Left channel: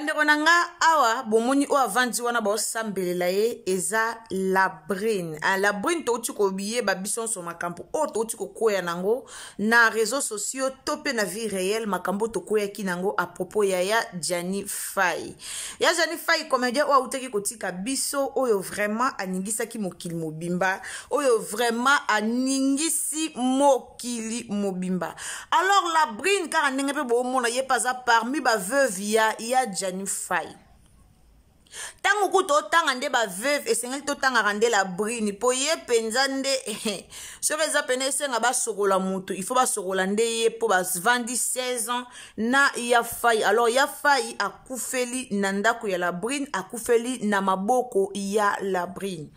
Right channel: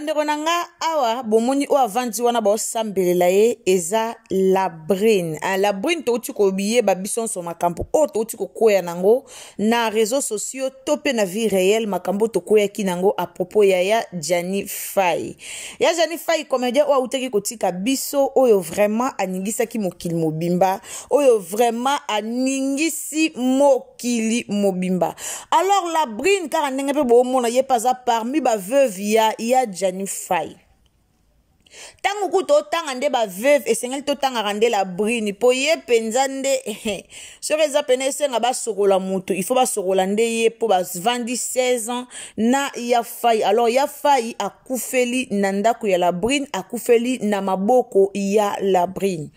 Bande konanga awa bomoni o avandi wana ba osambela ye eza la brine. La brine to uti ko biye ba bison so makambo o to uti ko koya nango na réseaux sociaux topé na vie réelle makambo to koya ki nango à propos ya Jani Fay. Ya Jani Fay comédien o uteki kotika biso oyo vraiment aningisa ki mokili mobimba oyo vraiment aningisi mokili mobimba. Alors la brine car ndenge pe bo mona ye pas parmi ba veuve ya Jani Fay. Tango kuto tanga nde ba veuve esengeli to tanga rande la brine po ye penza nde so reza pene senga ba sokola mutu il faut ba sokola nde ye po ba vandi 16 ans na ya Fay. Alors ya Fay akufeli na ndako ya la brine akufeli na maboko ya la brine.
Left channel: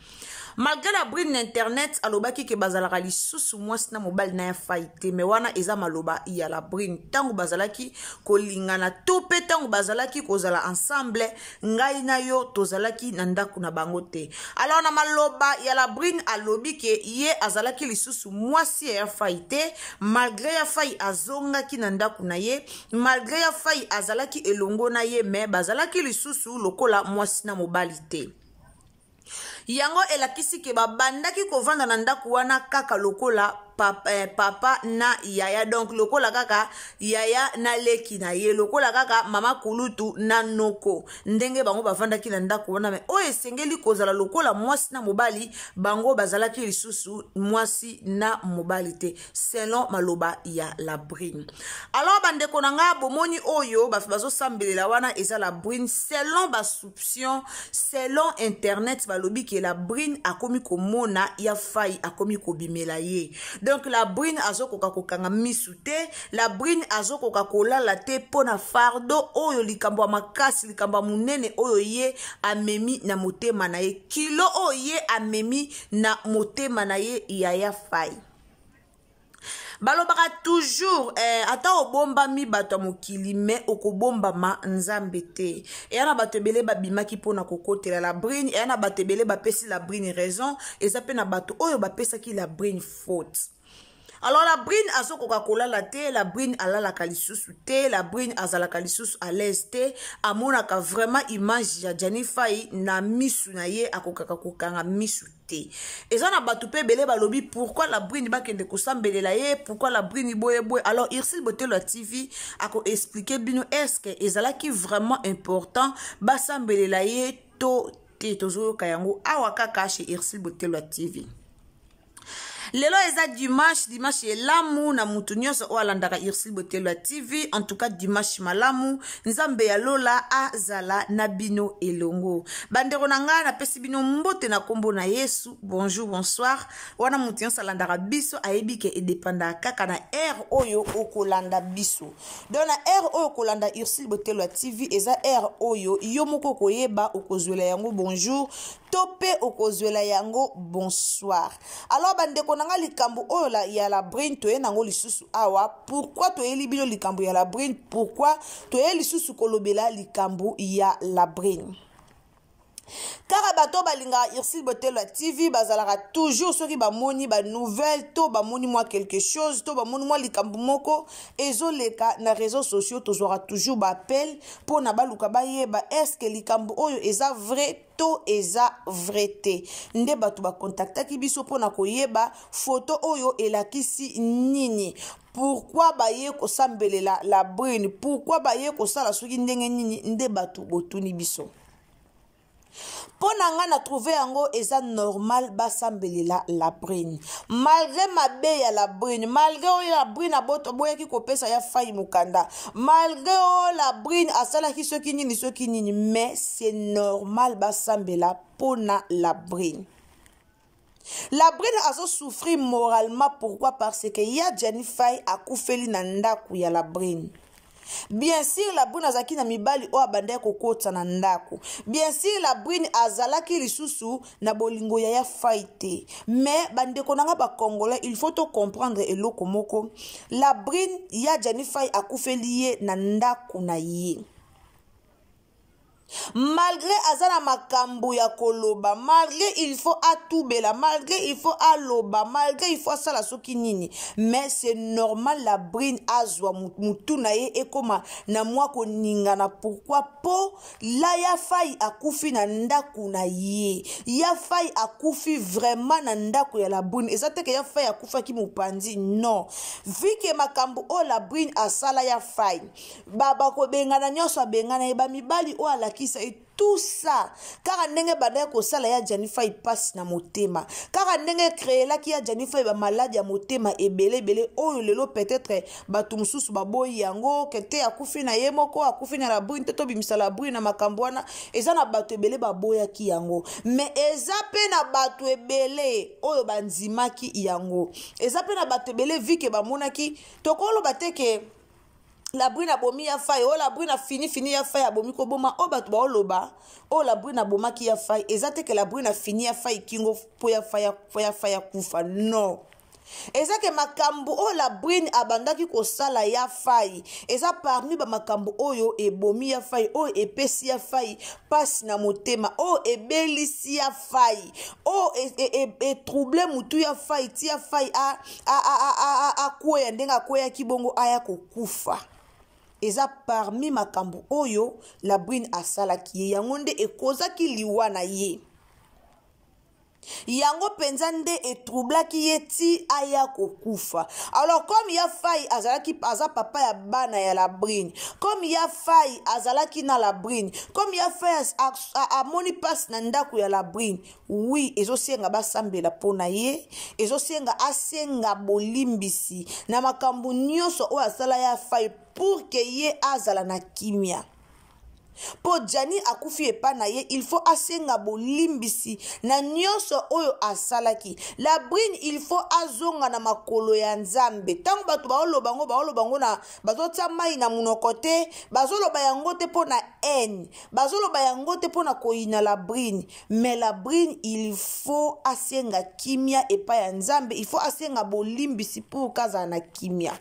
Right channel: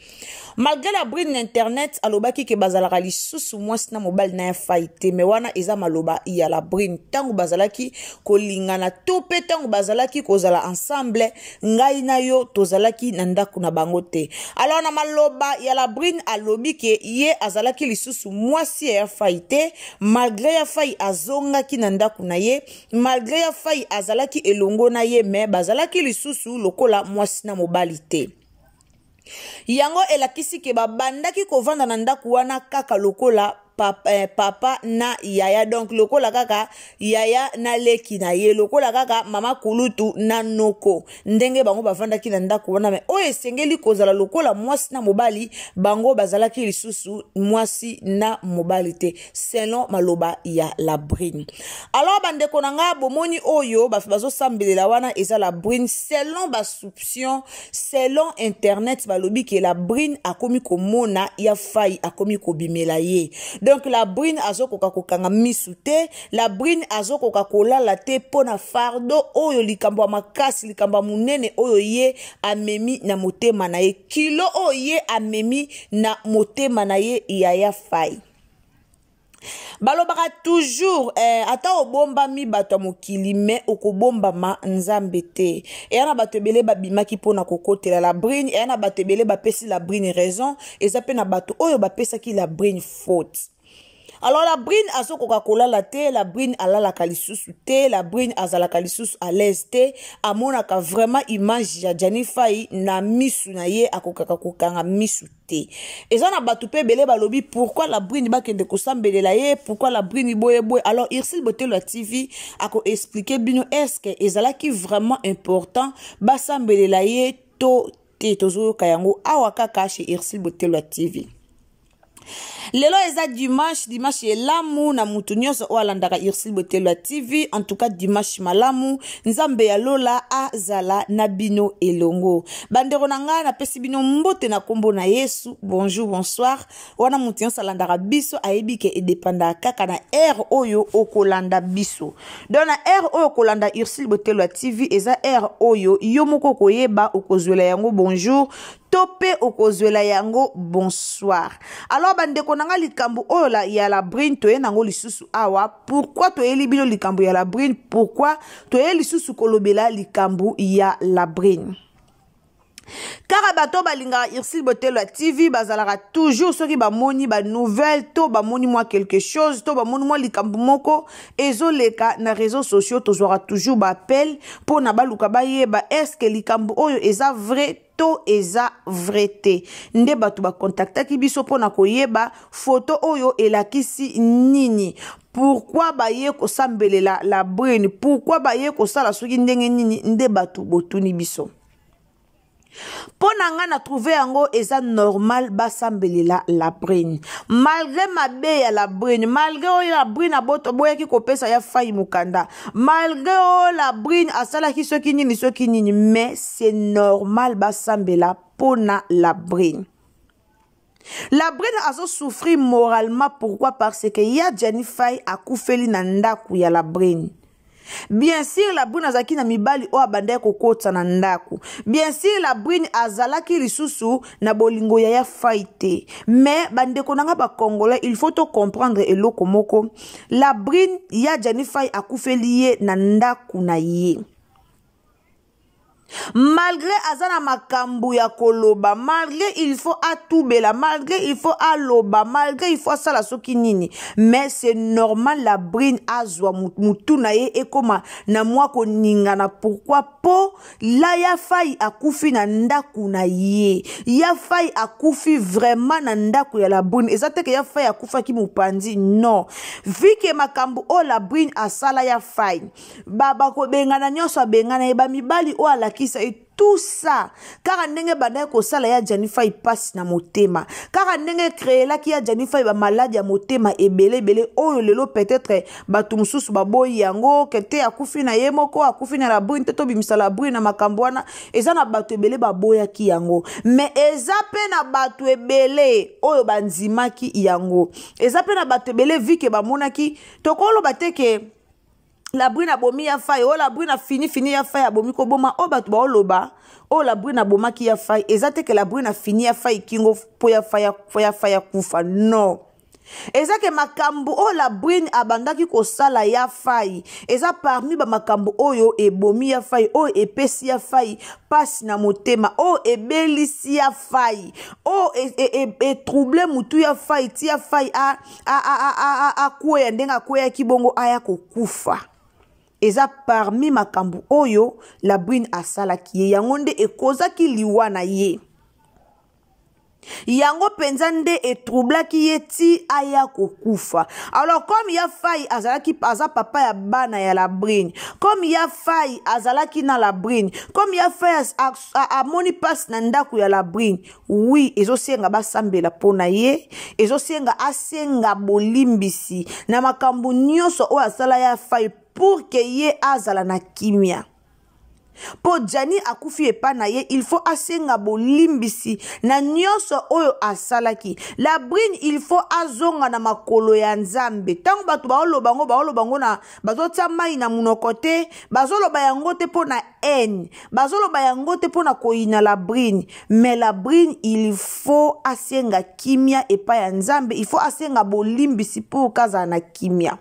Malgré la brine internet alobaki ke bazalaka lisusu mwasi na mobali na ya Fay te me wana eza maloba ya la brine tango bazalaki kolingana to pe tango bazalaki kozala ensemble ngai na yo tozalaki na ndako na bango te. Alors na maloba ya la brine alobi ke ye azalaki lisusu mwasi ya Fay te malgré ya Fay azongaki na ndako na ye malgré ya Fay azalaki elongo na ye me bazalaki lisusu lokola mwasi na mobali te. Yango elakisi ke babandaki kovanda na ndako wana kaka lokola papa na yaya donc lokola kaka yaya na leki na ye lokola kaka mama kulutu na noko ndenge bango bavandaki na ndako wana me o esengeli kozala lokola mwasi na mobali bango bazalaki lisusu mwasi na mobali te selon maloba ya la brine. Alors bandeko nanga bomoni oyo bazo sambelela wana eza la brine selon ba soupçon selon internet balobi ke la brine akomi komona ya Fay akomi kobimela ye. Donc la brine azokoka kokanga misu te, la brine azokoka kolala te pona fardo oyo likambo makasi likambo munene oyo ye amemi na motema na ye kilo oyo ye amemi na motema na ye ya Fay. Balobaka toujours ata obomba mi bato mokili me okobomba ma nzambe te. Eyana bato ebele babimaki pona kokotela la brine, eyana bato ebele bapesi la brine raison, ezape na bato oyo bapesaki la brine faute. Alors la brine azo Coca-Cola la te, la brine alalaka lisusu te, la brine azalaka lisusu à l'aise te, amonaka vraiment image ya Jani Fay na misu na ye akokaka kokanga misu te. Eza na batu pe bele balobi pourquoi la brine bakende kosambelela ye, pourquoi la brine boye boye. Alors Irsil Botelo TV ako expliquer bino est-ce que ezalaki vraiment important basambelela ye to te tozo kayango awa kaka chez Irsil Botelo TV. Lelo eza dimanche elamu na mutu nyonso o alandaka Irsil Botelo TV. En tout cas dimanche malamu nzambe ya lola azala na bino elongo. Bandeko nanga na pesi bino mbote na kombo na Yesu. Bonjour bonsoir. Wana mutu nyonso alandaka biso ayebi ke edepanda kaka na air oyo okolanda biso. Don na air oyo kolanda Irsil Botelo TV eza air oyo yo moko koyeba okozwela yango bonjour topé okozwela yango bonsoir. Alors bandeko nanga likambo oyo la ya la brine toye nango lisusu awa. Pourquoi toye bino likambo ya la brine? Pourquoi toye lisusu kolobela likambo ya la brine? Car bato balinga Irsil Botelo TV bazalaka toujours soki ba moni ba nouvelle to ba moni moi quelque chose to ba moni moi likambo moko ezoleka na réseaux sociaux tozora toujours ba appel pour na baluka ba yeba est-ce que likambo oyo eza vrai to eza vrai te nde bato ba contactaki biso pona koyeba photo oyo elakisi nini. Pourquoi baye ko sambelela la brine? Pourquoi baye ko sala soki ndenge nini nde bato botuni biso? Ponanga na trouvé yango eza normal basambelela la brine. Malgré mabe ya la brine, malgré la brine aboto boyaki kopesa ya Fay mukanda, malgré la brine asalaki soki nini, mais c'est normal basambela pona la brine. La brine azo souffrir moralement. Pourquoi? Parce que ya Jani Fay akufeli na ndaku ya la brine. Bien sûr la brine azaki na mibali o abanda kokota na ndako. Bien sûr la brine azalaki lisusu na bolingo ya Fay te. Mais bandeko nanga ba congolais il faut to comprendre eloko moko. La brine ya Jani Fay akufeli ye na ndako na ye. Malgré azana makambu ya koloba, malgré il faut atubela, malgré il faut aloba, malgré il faut sala soki nini, mais c'est normal la brine azwa mutu na ye ekoma na mwa ko ningana. Pourquoi? Po la ya fai akufi na ndaku na ye, ya fai akufi vraiment na ndaku ya la brine. Ezate ke ya fai akufa ki mupandi, non. Vu que makambu o la brine asala ya fai, baba ko bengana nyoso bengana eba mibali o ala kisa et tout ça car ndenge banda ko sala ya Janifa passe na motema, car ndenge créer la ki ya Janifa ba malade ya motema ebele oyo lelo peut-être batu mususu baboyi yango kete akufi na yemoko akufi na la brune to bimisa la brune na makambwana eza na batu ebele baboya ki yango, mais eza pe na batu ebele oyo banzimaki yango, eza pe na batu ebele vike bamonaki tokolo bateke la brune a bomi ya fai, oh la brune a fini ya fai a bomi ko boma, oh batu ba oloba, oh la brune a boma ki ya fai, ezate que la brune a fini ya fai kingo po ya fai kufa, non. Eza ke makambu oh la brune abandaki ko sala ya fai, eza parmi ba makambu oyo e bomi ya fai, oh e pesi ya fai, passe na motema, oh e belisi ya fai, oh e trouble mutu ya fai, ti ya fai a kwea ndenga kwea kibongo aya kokufa. Eza parmi makambu oyo la brune asala kiye yango nde ekozaki liwa na ye, yango penza nde etroubla ki ye ti aya kokufa. Alors comme ya fai azalaki aza papa ya bana ya la brune, comme ya fai azalaki na la brune, comme ya fai amoni passe na ndaku ya la brune, oui ezosenga basambela pona ye, ezosenga asenga bolimbisi na makambu nyonso oyo asala ya fai pour que ye azala na kimia. Po Jani akufi epa na ye, il faut asenga bolimbisi na nyonso oyo asalaki. La brune il faut azonga na makolo ya Nzambe. Tango batu baolobango na bazota mai na munokote, bazoloba yango te po na haine, bazoloba yango te po na koina la brune, mais la brune il faut asenga kimia epa ya Nzambe, il faut asenga bolimbisi pour kaza na kimia.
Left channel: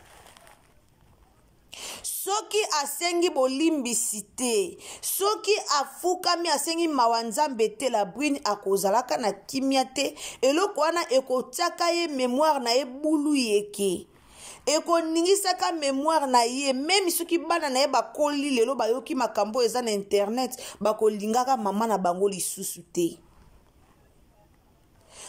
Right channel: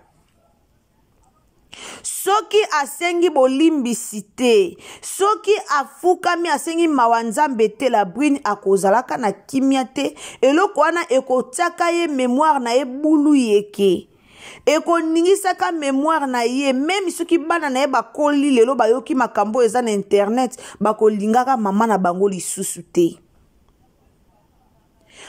Soki asengi bolimbisi te, soki afukami asengi mawanzambe te, la brune akozalaka na kimia te, eloko wana ekotaka ye mémoire na ye bulu yeke, ekoningisaka mémoire na ye, même soki bana na ye bakoli lelo bayoki makambo eza na internet, bakolingaka mama na bango lisusu te.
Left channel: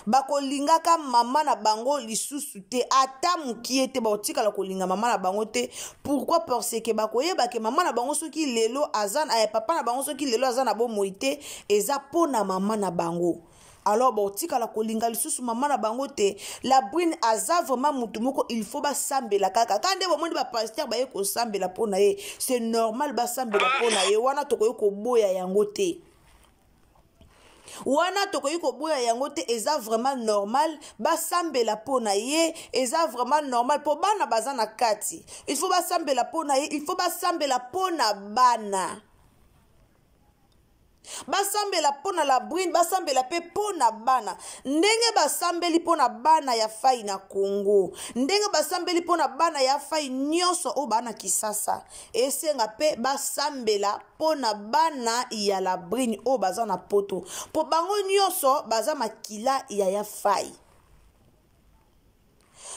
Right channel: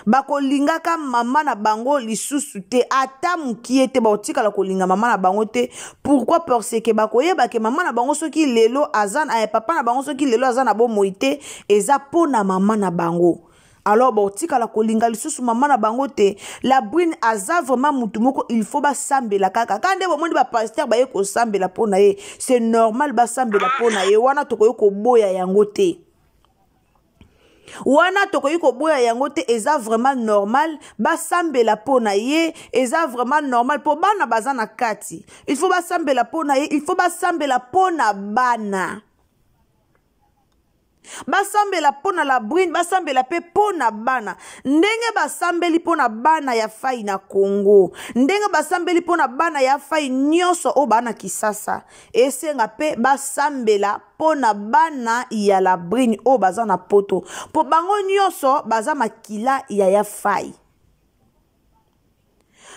Bakolingaka mama na bango lisusu te, ata mukie te baotikala kolinga mama na bango te. Pourquoi? Parce que bakoyeba ke mama na bango soki lelo azan papa na bango soki lelo azan na bomoi te, eza pona mama na bango. Alors baotikala kolinga lisusu mama na bango te. La brune aza vraiment mutu moko il faut basambela kaka. Kande bomoni ba pasteur baye ko sambela pona ye, c'est normal basambela pona ye, wana tokoyo ko boya yango te. Wana tokoyi ko boya yango te, eza vraiment normal basambela pona ye, eza vraiment normal po bana bazana kati. Il faut basambela pona ye, il faut basambela pona bana. Basambela pona la brune, basambela pe pona bana. Ndenge basambeli pona bana ya fai na Congo, ndenge basambeli pona bana ya fai nyonso o bana Kisasa, esenga pe basambela pona bana ya la brune o baza na poto, po bango nyonso baza makila ya fai.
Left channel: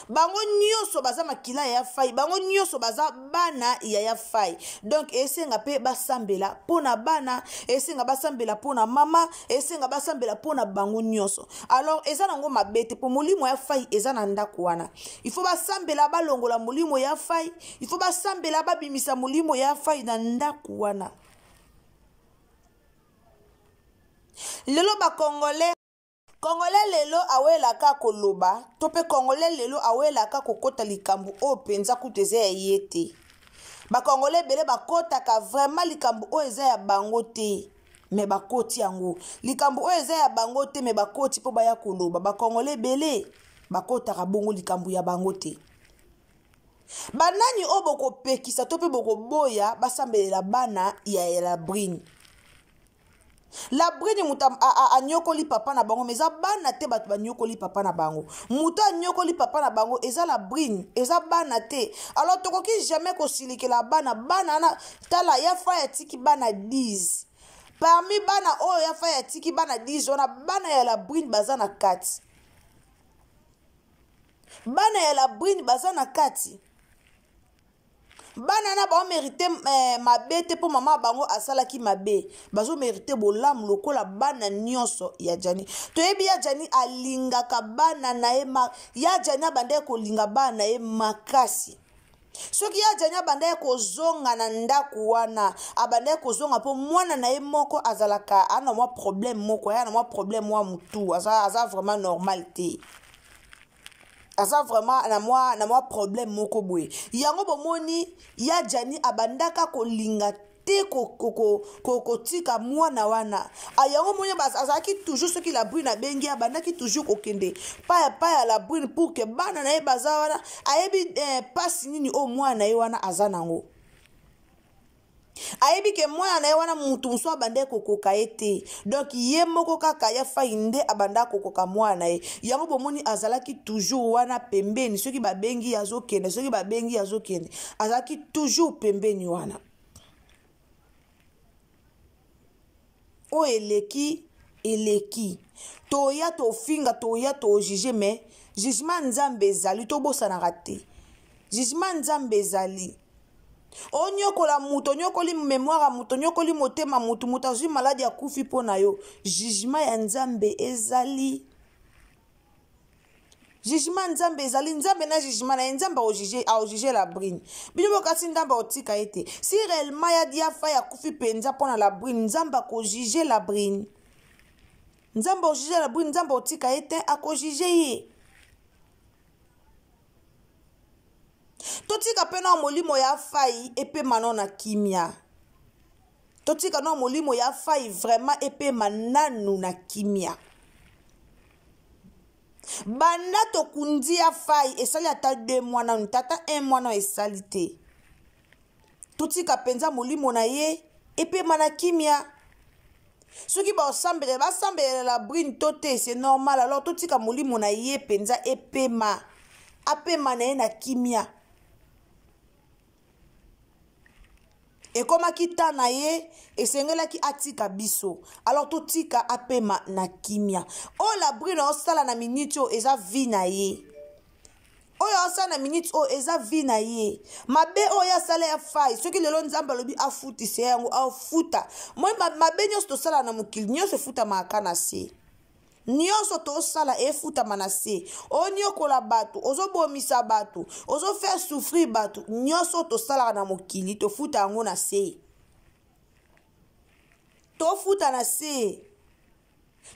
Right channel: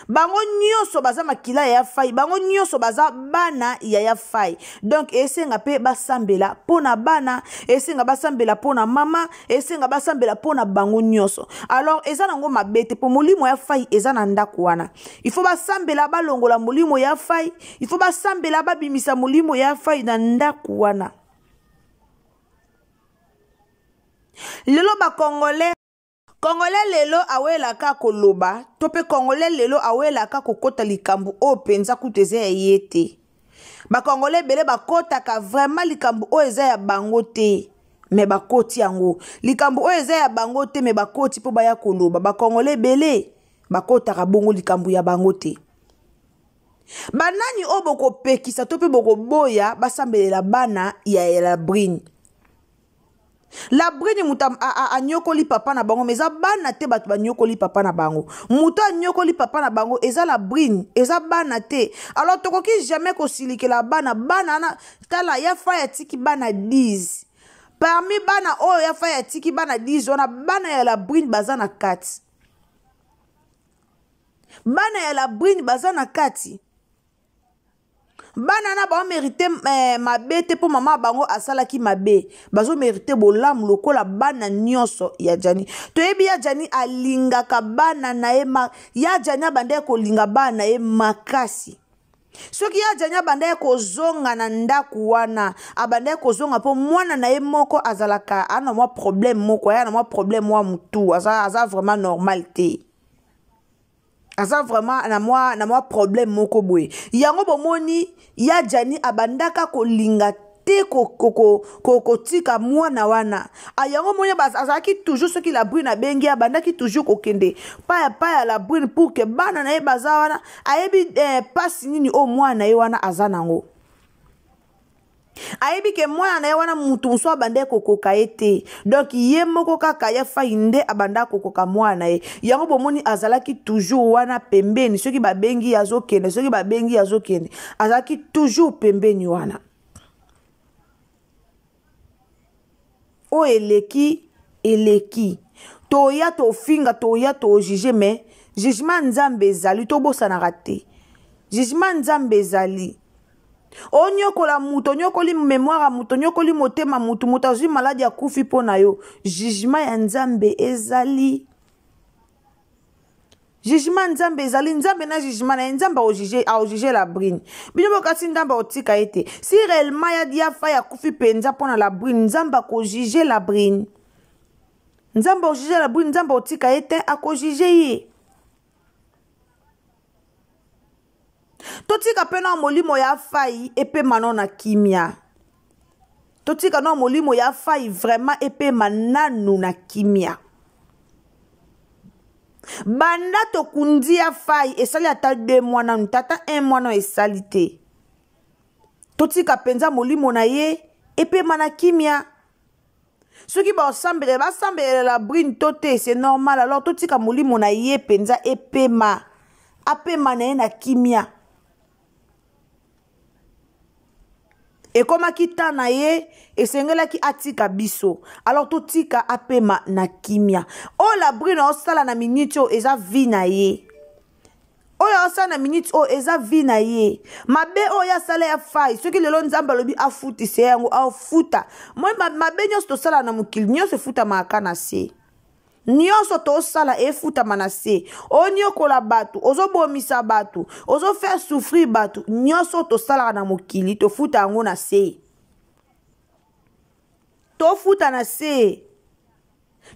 Bango nyonso baza makila ya fai, bango nyonso baza bana ya fai. Donc esenga pe basambela pona bana, esenga basambela pona mama, esenga basambela pona bango nyonso. Alors eza nango mabete po molimo ya fai eza na ndako wana. Il faut basambela balongola molimo ya fai, il faut basambela babimisa molimo ya fai na ndako wana. Lelo ba Congolais lelo awela ka koloba, tope Congolais lelo awela ka kokota likambu o penza kuteze ya yete. Ba Congolais bele bakota ka vraiment likambu o eza ya bango te, me bakoti yango. Likambu o eza ya bango te, me bakoti po baya koloba. Ba Congolais bele bakota ka bongo likambu ya bango te. Banani o boko pekisa tope boko boya basambelela bana ya la brune. La brune muta a nyokoli papa na bango, mais eza bana te batu ba nyokoli papa na bango. Muta nyokoli papa na bango, eza la brune, eza bana te. Alors tokoki jamais ko silike la bana na tala ya fa ya tiki bana 10. parmi bana oyo ya fa ya tiki bana 10 wana bana ya la brune baza na kati bana ya la brune baza na kati bana na ba mérité mabe te po mama bango asalaki mabe bazo mérité bolamu lokola bana nyonso ya Jani toyebi ya Jani alingaka bana na ye ya Jani abanda ko linga bana ye makasi soki ya Jani abanda ko zonga na ndaku wana abanda ko zonga po mwana na ye moko azalaka ana mwa problème moko ya na mwa problème wa mutu aza vraiment normal te aza vraiment na mwa problème moko boye yango bomoni ya Jani abandaka kolinga te kotika mwana wana ayango monya azalaki toujours soki la brune abengi abandaki toujours kokende pa la brune pour que bana na ye baza wana ayebi pasi nini o mwana ye wana aza nango ayebi ke mwana na ye wana mutu mosusu abanda kokoka ye te donc ye moko kaka ye fai nde abanda kokoka mwana ye yango bomoni azalaki toujours wana pembeni soki babengi azokende soki babengi azokende azalaki toujours pembeni wana o eleki toya tofinga toya tojuge mais jugement nzambe ezali tobosanaka te jugement nzambe ezali onyokola mutu onyokoli mémoire mutu onyokoli motema mutu azwi maladi ya kufi mpo na yo jugement ya nzambe ezali jugement nzambe ezali nzambe na jugement na ye nzambe aojuge la brune bino bokasi nzambe otika ye te si réellement ya diafa ya kufi mpenza mpo na la brune nzambe akojuge la brune nzambe aojuge la brune nzambe otika ye te akojuge ye totika pe na molimo ya fai epema no na kimia totika na molimo ya fai vraiment epema nanu na kimia banda tokundi ya fai esali ata 2 mois nanu tata 1 mois no esali te totika penza molimo na ye epema na kimia soki basambele la brune to te c'est normal alors totika molimo na ye penza epema apema na ye na kimia ekomaki ta na ye esengelaki atika biso alors totika apema na kimia oyo la brune osala na minute oyo eza vi na ye oyo osala na minute oyo eza vi na ye mabe oyo asala ya fai soki lelo nzambe alobi afutisa yango afuta moi mabe nyonso tosala na mokili nyonso efutamaka na se nyonso tosala efutama na se onyokola bato ozobomisa bato ozofaire souffrir bato nyonso tosalaka na mokili tofuta yango na se tofuta na se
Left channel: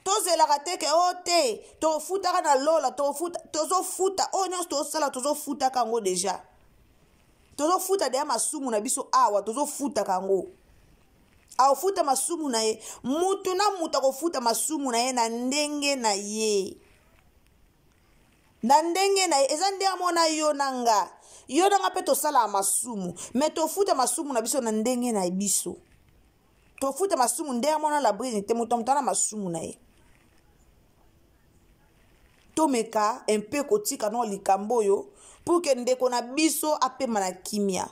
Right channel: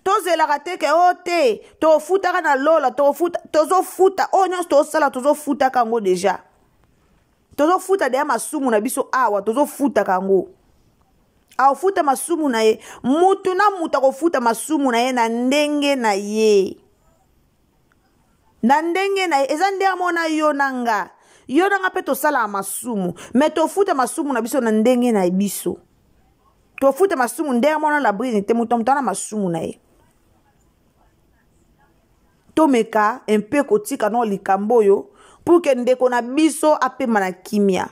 tozelaka teke o te tofutaka na lola tozofuta oyo nyonso tosala tozofutaka yango deja tozofuta deya masumu na biso awa tozofutaka yango aofuta masumu na ye mutu na mutu akofuta masumu na ye na ndenge na ye eza nde amona yo nanga mpe tosala masumu me tofuta masumu na biso na ndenge na biso tofuta masumu nde amona la brune te mutu na masumu na ye tomeka mpe kotika no likambo oyo pour ke ndeko na biso apema na kimia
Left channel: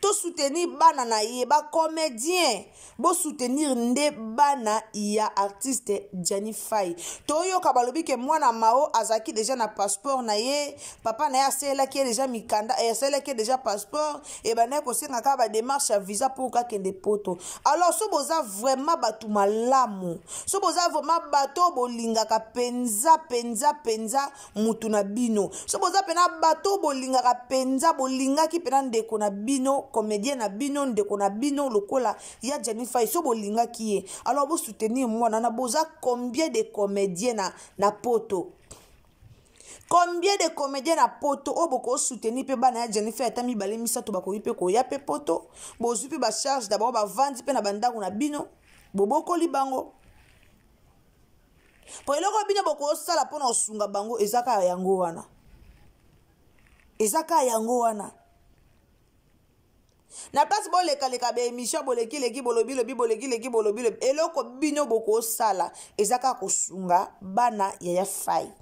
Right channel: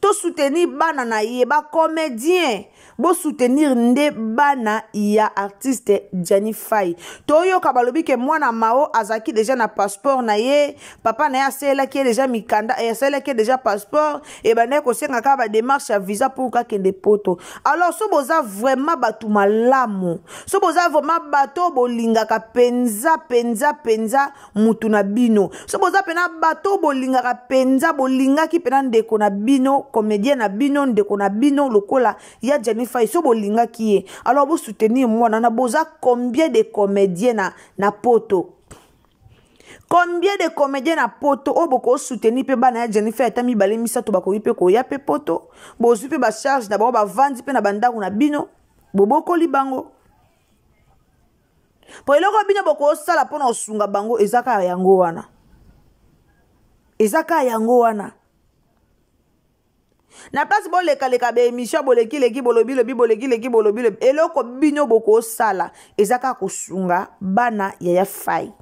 to soutenir bana na ye ba comédien bo soutenir nde bana ya artiste Jani Fai toyoka balobi ke mwana mao azaki déjà na passeport na ye papa na ye aselaki déjà mikanda aselaki déjà passeport et bana ko senga ka ba démarche ya visa pour ka kende poto alors so boza vraiment batu malamu so boza vraiment bato bolingaka penza mutu na bino so boza pena bato bolingaka penza bolingaki pena ndeko na bino comédien na bino ndeko na bino lokola ya Jani Fai so bolinga ki alors vous soutenir mwana na boza combien de comédiens na poto combien de comédiens na poto o boko soutenir pe bana ya Jani Fai atami bale misato bakoyi pe ko ya pe poto bozu pe ba charge d'abord ba vandi pe na bandako na bino boboko libango po eloko bino boko sala pona osunga bango ezaka yango wana na place boleka be émission boleki bolobi eloko bino boko sala ezaka kosunga bana ya Fai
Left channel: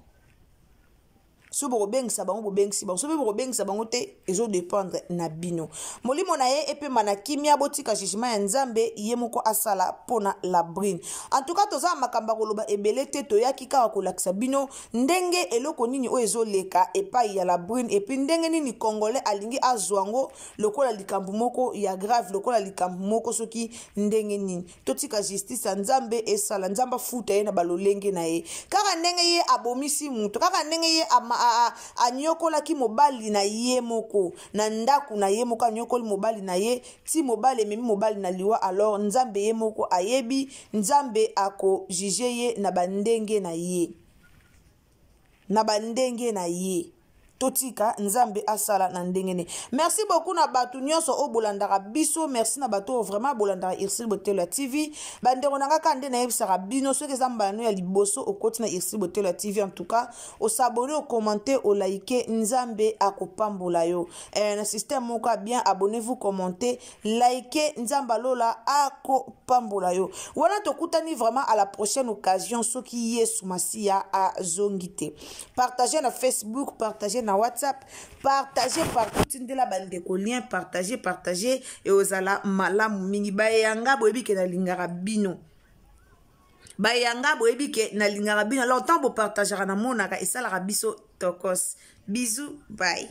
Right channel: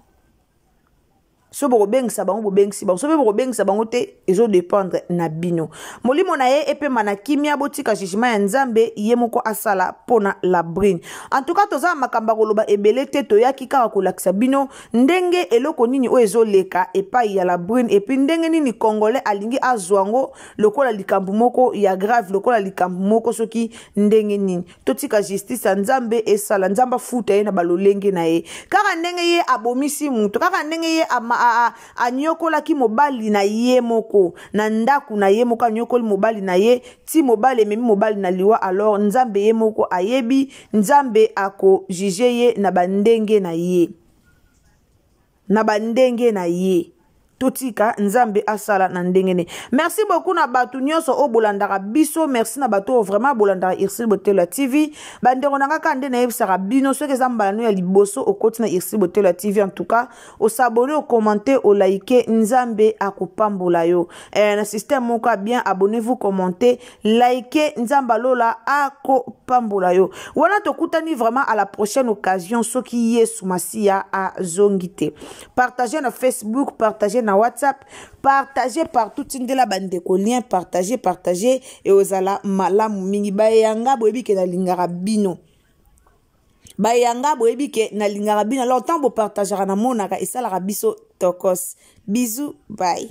so bokobengisa bango bobengisi bango so mpe bokobengisa bango te ezodépendre na bino molimo na ye epema na kimia botika jugement ya nzambe ye moko asala pona la brune en tout cas toza makamba koloba ebele te toyaki kaka kolakisa bino ndenge eloko nini oyo ezoleka epai ya la brune epi ndenge nini congolais alingi azwango lokola likambo moko ya grave lokola likambo moko soki ndenge nini totika justice ya nzambe esala nzamba futa ye na balolenge na ye kaka ndenge ye abomisi mutu kaka ndenge ye anyokolaki mobali na ye moko na ndaku na ye moko anyokoli mobali na ye ti mobali ememi mobali na liwa alors nzambe ye moko ayebi nzambe ako juge ye na bandenge na ye totika nzambe asala na ndengene merci beaucoup na batu nyonso o bolandaka biso merci na batu vraiment bolandaka Irsile Botelo TV bandeko nanga kande na yebisaka bino soki eza mbala ya liboso okoti na Irsile Botelo TV en tout cas o s'abonner o commenter o liker nzambe akopambola yo na système moko bien abonnez-vous commentez liker nzamba lola akopambola yo wana tokutani vraiment à la prochaine occasion soki Yesu Masia azongite partagez na Facebook partagez na WhatsApp, partagez partout tindela bandeko lien, partagez et ozala malamu mingi bayanga boyebi ke na lingara bino. Bayanga boyebi ke na lingara bino. Alors tant bo partagera na monaka et ça la biso tokos. Bisous, bye.